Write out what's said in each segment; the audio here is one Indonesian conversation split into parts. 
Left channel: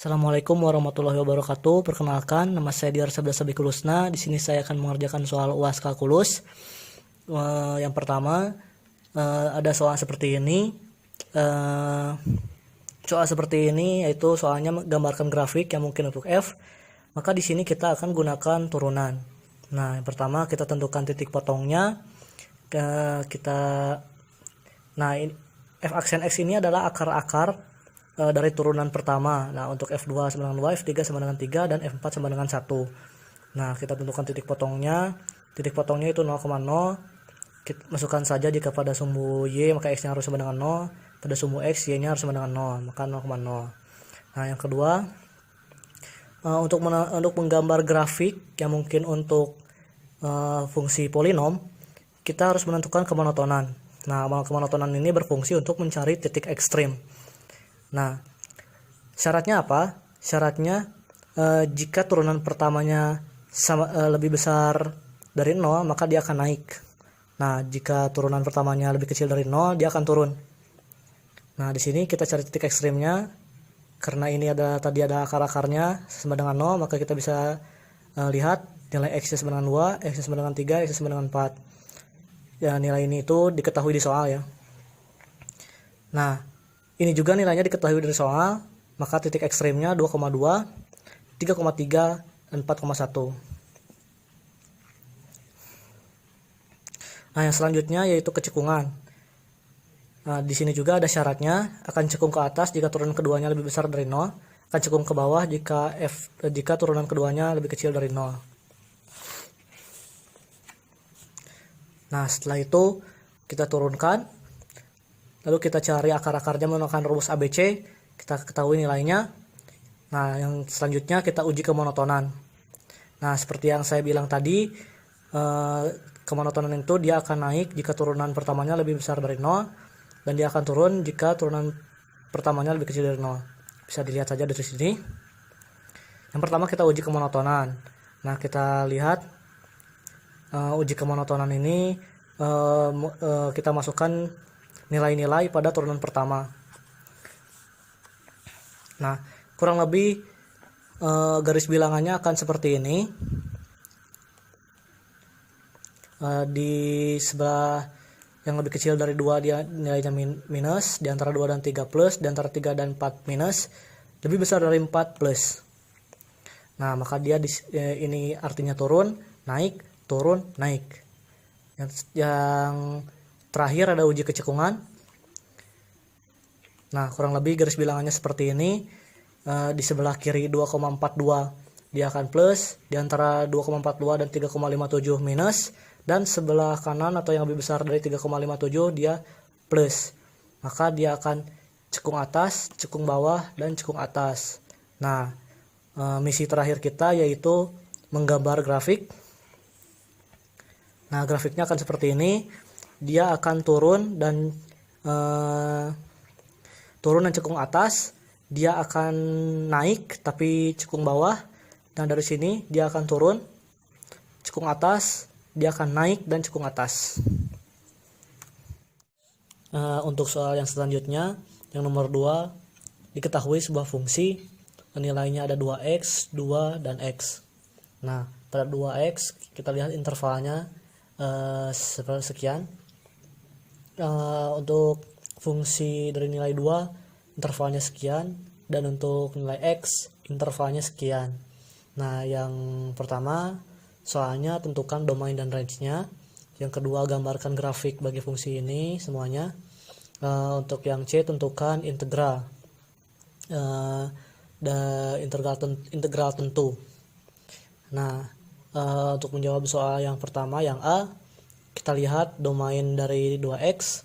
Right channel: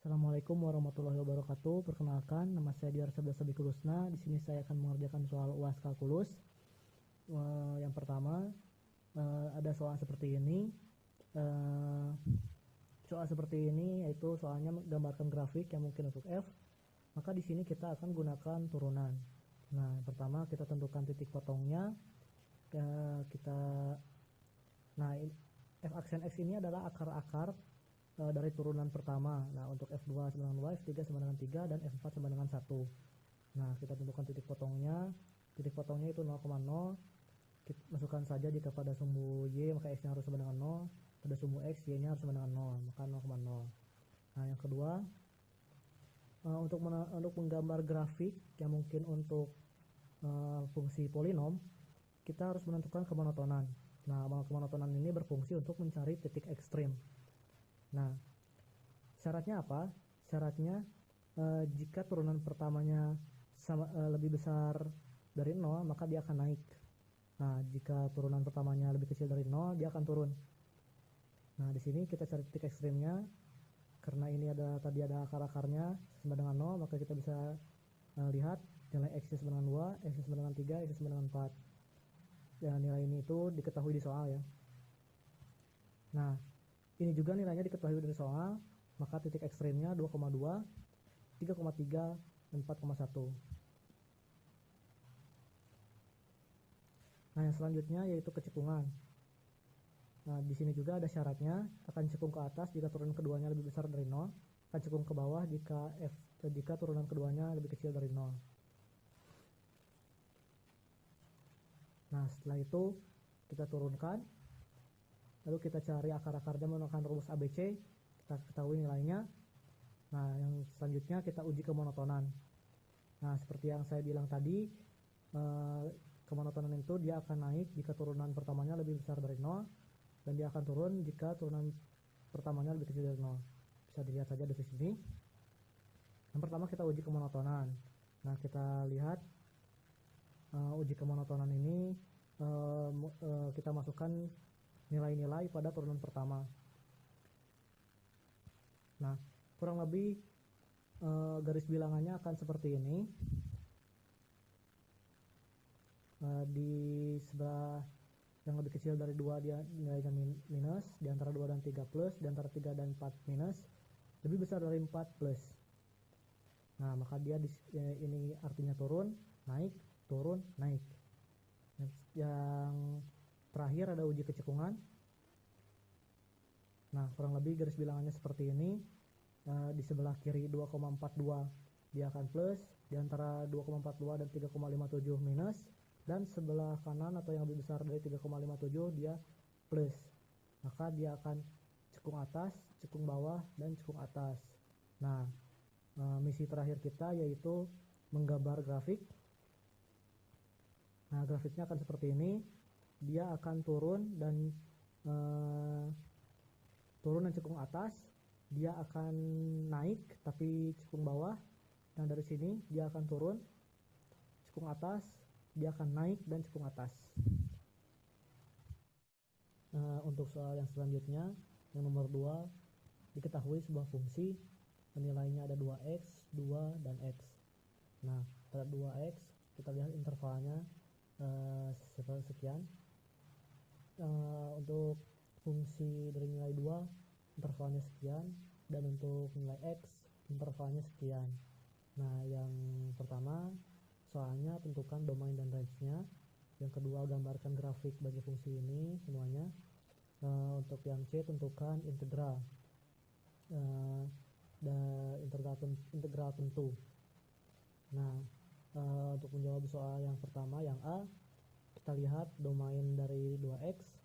Assalamualaikum warahmatullahi wabarakatuh. Perkenalkan, nama saya Diar Sabda Sabikulusna. Di sini saya akan mengerjakan soal UAS kalkulus. Yang pertama, ada soal seperti ini. Soal seperti ini yaitu soalnya gambarkan grafik yang mungkin untuk F. Maka di sini kita akan gunakan turunan. Nah, yang pertama kita tentukan titik potongnya. Nah, F aksen X ini adalah akar-akar dari turunan pertama. Nah, untuk F2 sama dengan 2, F3 sama dengan 3, dan F4 sama dengan 1. Nah, kita tentukan titik potongnya. Titik potongnya itu 0,0. Kita masukkan saja jika pada sumbu Y maka X nya harus sama dengan 0. Pada sumbu X Y nya harus sama dengan 0, maka 0,0. Nah, yang kedua, untuk menggambar grafik yang mungkin untuk fungsi polinom, kita harus menentukan kemonotonan. Nah, kemonotonan ini berfungsi untuk mencari titik ekstrim. Nah, syaratnya apa? Syaratnya jika turunan pertamanya lebih besar dari 0, maka dia akan naik. Nah, jika turunan pertamanya lebih kecil dari 0, dia akan turun. Nah, di sini kita cari titik ekstrimnya. Karena ini tadi ada akar-akarnya sama dengan 0, maka kita bisa lihat nilai X sama dengan 2, X sama dengan 3, X sama dengan 4. Ya, nilai ini itu diketahui di soal ya. Nah, ini juga nilainya diketahui dari soal, maka titik ekstrimnya 2,2, 3,3, dan 4,1. Nah, yang selanjutnya yaitu kecekungan. Nah, di sini juga ada syaratnya, akan cekung ke atas jika turunan keduanya lebih besar dari 0, akan cekung ke bawah jika turunan keduanya lebih kecil dari 0. Nah, setelah itu kita turunkan, lalu kita cari akar-akarnya menggunakan rumus ABC, kita ketahui nilainya. Nah, yang selanjutnya kita uji kemonotonan. Nah, seperti yang saya bilang tadi, kemonotonan itu dia akan naik jika turunan pertamanya lebih besar dari 0, dan dia akan turun jika turunan pertamanya lebih kecil dari 0. Bisa dilihat saja dari sini. Yang pertama kita uji kemonotonan. Nah, kita lihat uji kemonotonan ini kita masukkan nilai-nilai pada turunan pertama. Nah, kurang lebih garis bilangannya akan seperti ini. Di sebelah yang lebih kecil dari 2 dia nilainya minus, di antara 2 dan 3 plus, di antara 3 dan 4 minus, lebih besar dari 4 plus. Nah, maka dia ini artinya turun, naik, turun, naik. Yang terakhir ada uji kecekungan. Nah, kurang lebih garis bilangannya seperti ini. Di sebelah kiri 2,42 dia akan plus, di antara 2,42 dan 3,57 minus, dan sebelah kanan atau yang lebih besar dari 3,57 dia plus. Maka dia akan cekung atas, cekung bawah, dan cekung atas. Nah, misi terakhir kita yaitu menggambar grafik. Nah, grafiknya akan seperti ini. Dia akan turun dan cekung atas. Dia akan naik tapi cekung bawah. Dan dari sini dia akan turun, cekung atas, dia akan naik dan cekung atas. Untuk soal yang selanjutnya, yang nomor 2, diketahui sebuah fungsi nilainya ada 2x, 2, dan x. Nah, pada 2x kita lihat intervalnya sekian. Untuk fungsi dari nilai 2 intervalnya sekian, dan untuk nilai x intervalnya sekian. Nah, yang pertama soalnya tentukan domain dan range-nya. Yang kedua gambarkan grafik bagi fungsi ini semuanya. Untuk yang C tentukan integral integral tentu. Nah, untuk menjawab soal yang pertama yang A, kita lihat domain dari 2x,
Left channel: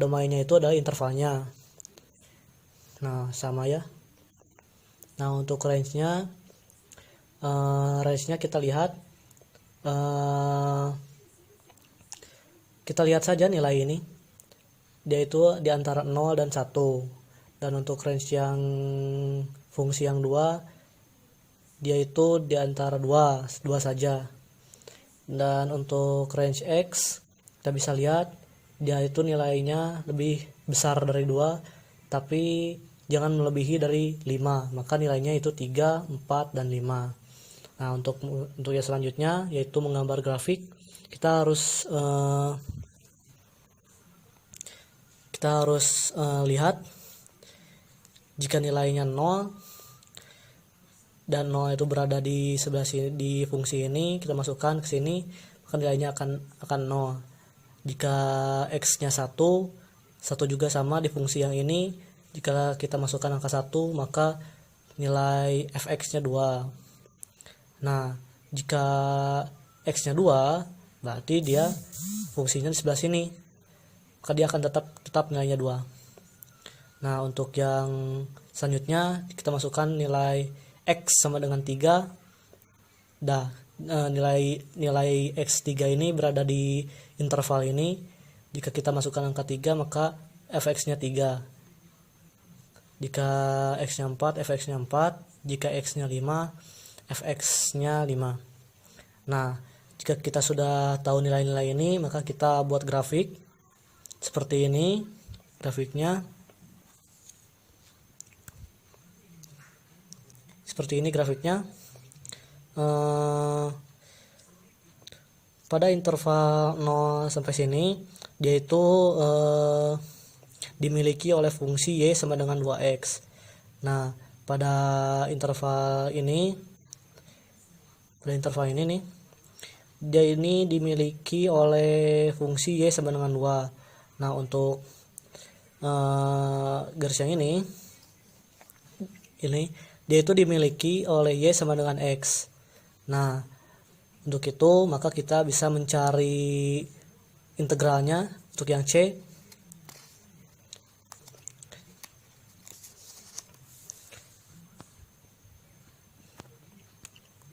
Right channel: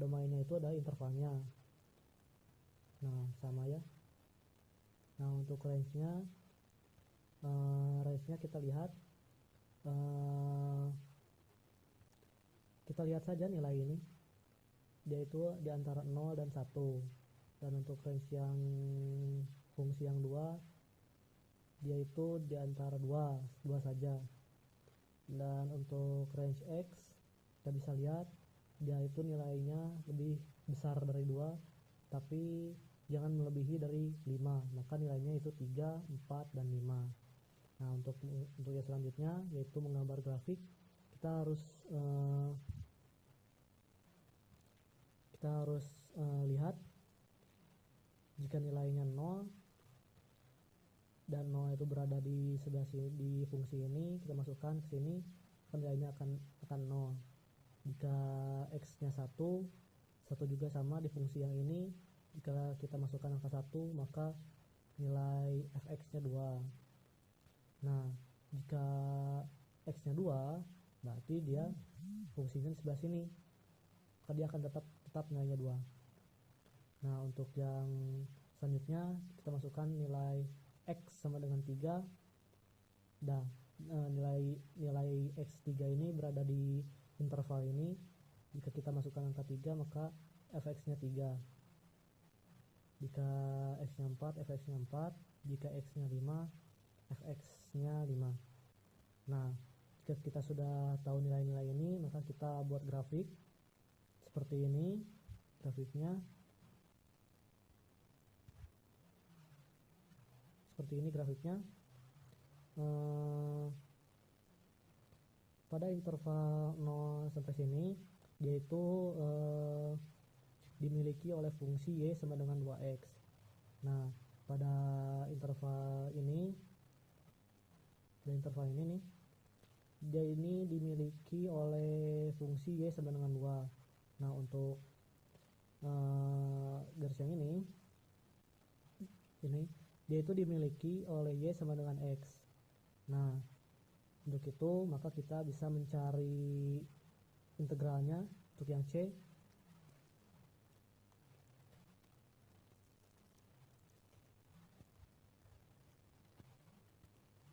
domainnya itu adalah intervalnya. Nah, sama ya. Nah, untuk range-nya kita lihat saja nilai ini, dia itu di antara 0 dan 1. Dan untuk range yang fungsi yang 2, dia itu di antara 2 saja. Dan untuk range x kita bisa lihat dia itu nilainya lebih besar dari 2, tapi jangan melebihi dari 5, maka nilainya itu 3, 4, dan 5. Nah, untuk yang selanjutnya yaitu menggambar grafik, kita harus lihat jika nilainya 0 dan 0 itu berada di sebelah sini di fungsi ini, kita masukkan ke sini, maka nilainya akan 0. Jika x-nya 1 juga sama di fungsi yang ini. Jika kita masukkan angka 1, maka nilai fx-nya 2. Nah, jika x-nya 2, berarti dia fungsinya di sebelah sini, maka dia akan tetap nilainya 2. Nah, untuk yang selanjutnya kita masukkan nilai x sama dengan 3. Nilai x3 ini berada di interval ini. Jika kita masukkan angka 3, maka fx-nya 3. Jika x-nya 4, fx-nya 4. Jika x-nya 5, fx-nya 5. Nah, jika kita sudah tahu nilai-nilai ini, maka kita buat grafik seperti ini grafiknya. Seperti ini grafiknya. Pada interval 0 sampai sini, dia itu dimiliki oleh fungsi y sama dengan 2x. Nah, pada interval ini nih, dia ini dimiliki oleh fungsi y sama dengan 2. Nah, untuk garis yang ini dia itu dimiliki oleh y sama dengan x. Nah, untuk itu maka kita bisa mencari integralnya untuk yang c.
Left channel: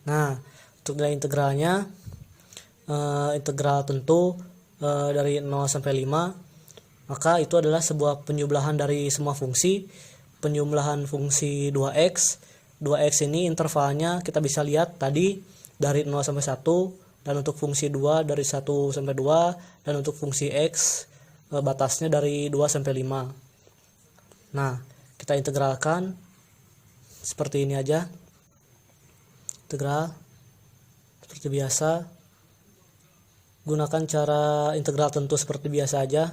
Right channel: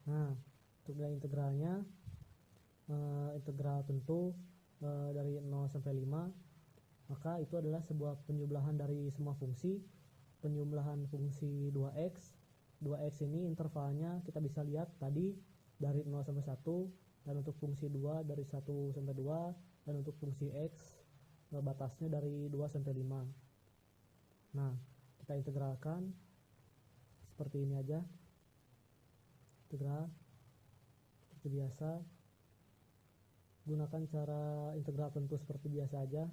Nah, untuk nilai integralnya, integral tentu dari 0 sampai 5, maka itu adalah sebuah penjumlahan dari semua fungsi. Penjumlahan fungsi 2x. 2x ini intervalnya kita bisa lihat tadi dari 0 sampai 1, dan untuk fungsi 2 dari 1 sampai 2, dan untuk fungsi x batasnya dari 2 sampai 5. Nah, kita integralkan seperti ini aja. Integral seperti biasa, gunakan cara integral tentu seperti biasa aja.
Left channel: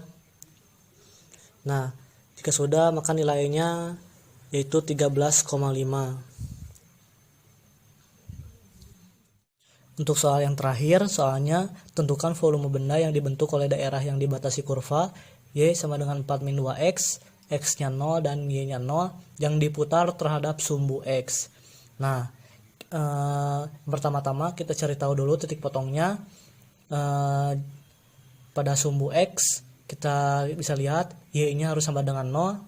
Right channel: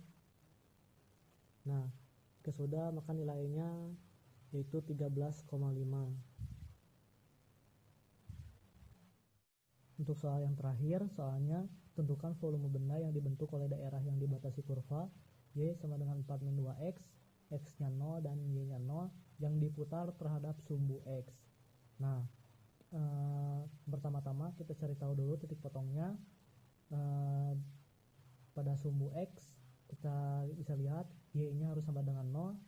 Nah, jika sudah, maka nilainya yaitu 13,5. Untuk soal yang terakhir, soalnya tentukan volume benda yang dibentuk oleh daerah yang dibatasi kurva y sama dengan 4 min 2x, x-nya 0 dan y-nya 0, yang diputar terhadap sumbu x. Nah, pertama-tama kita cari tahu dulu titik potongnya. Pada sumbu x kita bisa lihat y-nya harus sama dengan 0,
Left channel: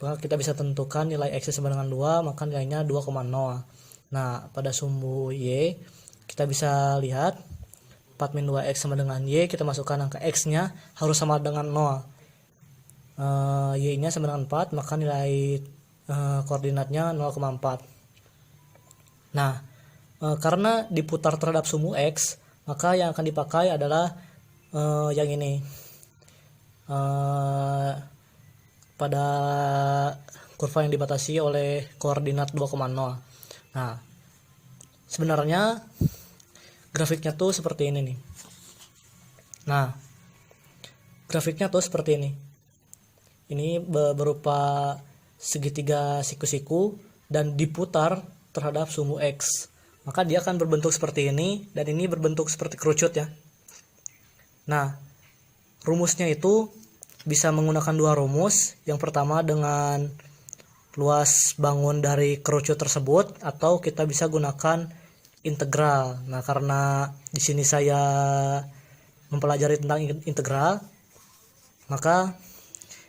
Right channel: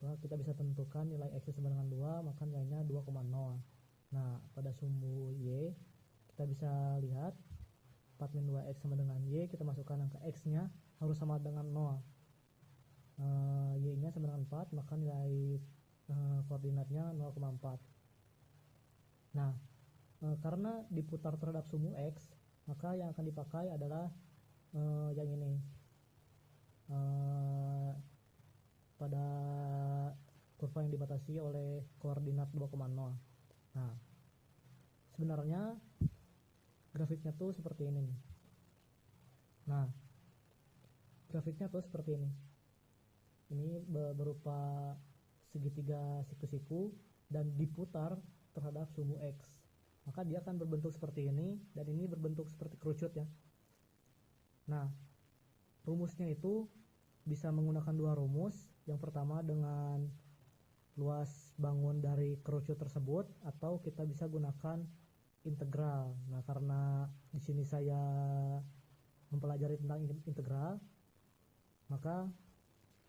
maka kita bisa tentukan nilai x sama dengan 2, maka nilainya 2,0. Nah, pada sumbu y kita bisa lihat 4 min 2x sama dengan y, kita masukkan angka x-nya harus sama dengan 0. Y-nya sama dengan 4, maka nilai koordinatnya 0,4. Nah, karena diputar terhadap sumbu x, maka yang akan dipakai adalah yang ini. Pada kurva yang dibatasi oleh koordinat 2,0. Nah, sebenarnya grafiknya tuh seperti ini nih. Nah, grafiknya tuh seperti ini. Ini berupa segitiga siku-siku dan diputar terhadap sumbu x. Maka dia akan berbentuk seperti ini, dan ini berbentuk seperti kerucut ya. Nah, rumusnya itu bisa menggunakan dua rumus. Yang pertama dengan luas bangun dari kerucut tersebut, atau kita bisa gunakan integral. Nah, karena di sini saya mempelajari tentang integral, maka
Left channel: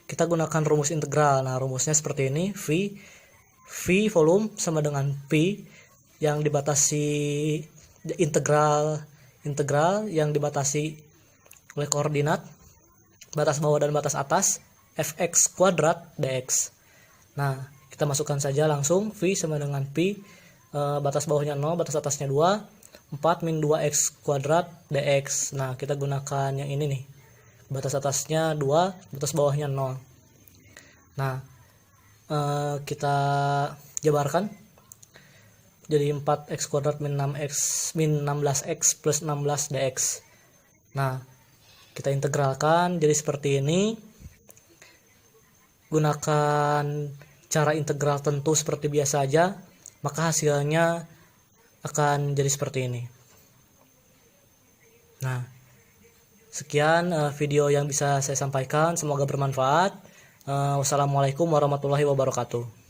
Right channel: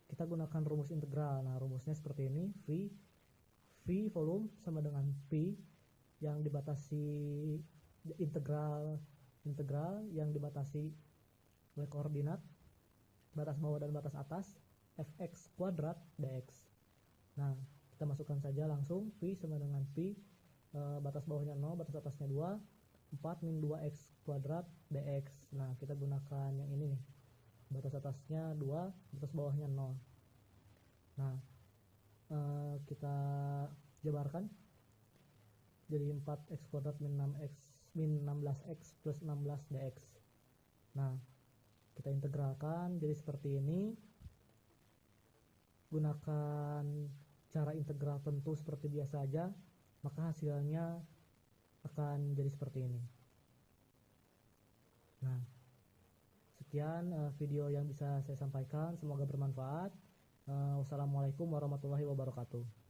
kita gunakan rumus integral. Nah, rumusnya seperti ini. V volume sama dengan P yang dibatasi integral yang dibatasi oleh koordinat batas bawah dan batas atas fx kuadrat dx. Nah, kita masukkan saja langsung. V sama dengan P, batas bawahnya 0, batas atasnya 2, 4 min 2x kuadrat dx. Nah, kita gunakan yang ini nih, batas atasnya 2, batas bawahnya 0. Nah, kita jabarkan jadi 4x kuadrat min 6x min 16x plus 16 dx. Nah, kita integralkan jadi seperti ini. Gunakan cara integral tentu seperti biasa aja, maka hasilnya akan jadi seperti ini. Nah, sekian video yang bisa saya sampaikan, semoga bermanfaat. Wassalamualaikum warahmatullahi wabarakatuh.